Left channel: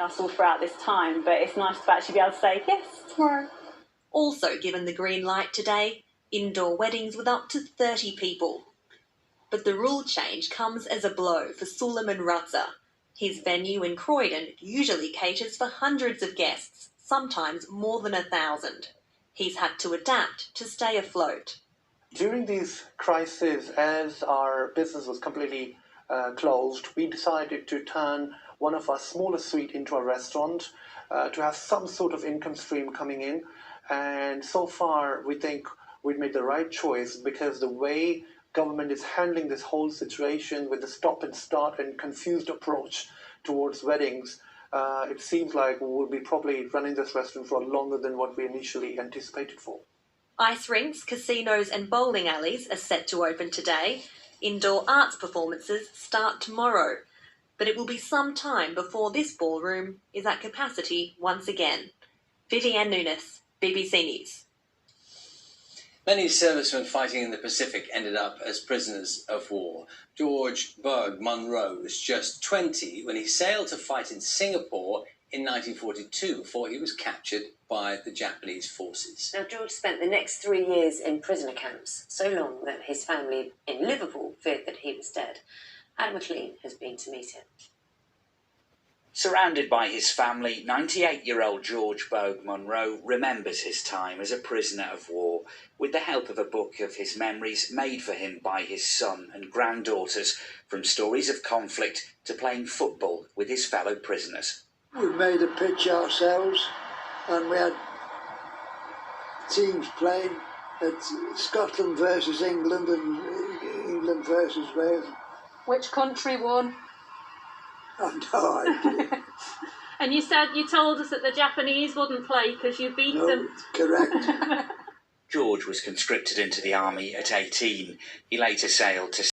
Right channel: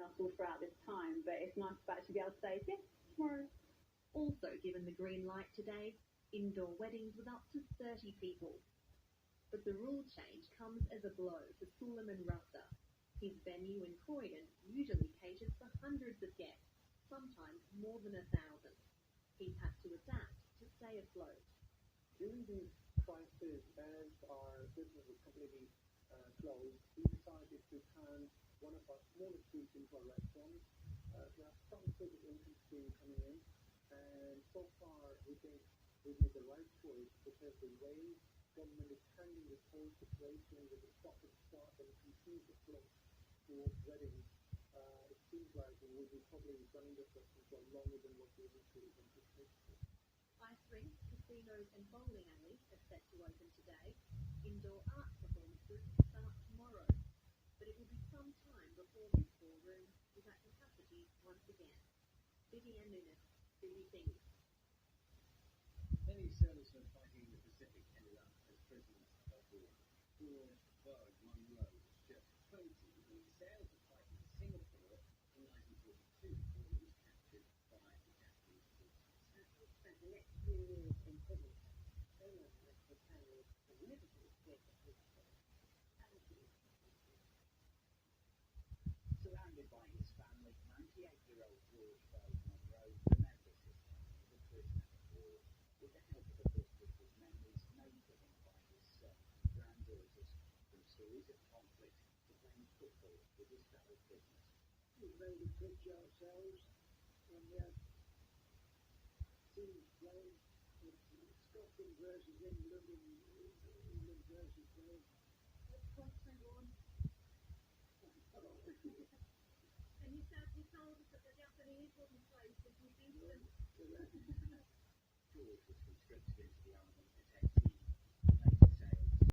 us all throughout this time, but it's nice to actually be able to say yes tomorrow. Also given the green light today, indoor weddings with up to 30 people. But the rule change comes as a blow for Suleiman Raza. His venue in Croydon usually caters for hundreds of guests, sometimes more than 1,000. He's had to adapt to stay afloat. During these crises, as our business was completely closed, we decided to turn one of our smaller suites into a restaurant to have some sort of income stream coming in. And so far, we think we made the right choice, because the way government is handling this whole situation with the stop and start and confused approach towards weddings, it seems like we'll be probably running this restaurant for longer than what we initially anticipated for. Ice rinks, casinos and bowling alleys are set to open today. Indoor arts performances start tomorrow. But it will be some time before this ballroom is at capacity once again. Vivienne Nunes, BBC News. Many servicemen fighting in the Pacific ended up as prisoners of war. George Berg Munro was just 20 when he sailed to fight in Singapore in 1942 before he was captured by the Japanese forces. Now, George spent the next 3 years in prisoner camps, so long that his family in Liverpool feared that he was dead. Adam McLean has been to meet him. Surrounded by his family, 98-year-old George Berg Munro remembers his time as a prisoner of war with the help of a book of his memories made for him by his son and granddaughters, from stories of conflict to playing football with his fellow prisoners. We made a pitch ourselves, and we had teams playing at Scotland versus England and England versus Wales. Which country won? I've no idea. And you told us that the Japanese wouldn't play because you beat them. Correct. George was conscripted into the army at 18. He later sailed to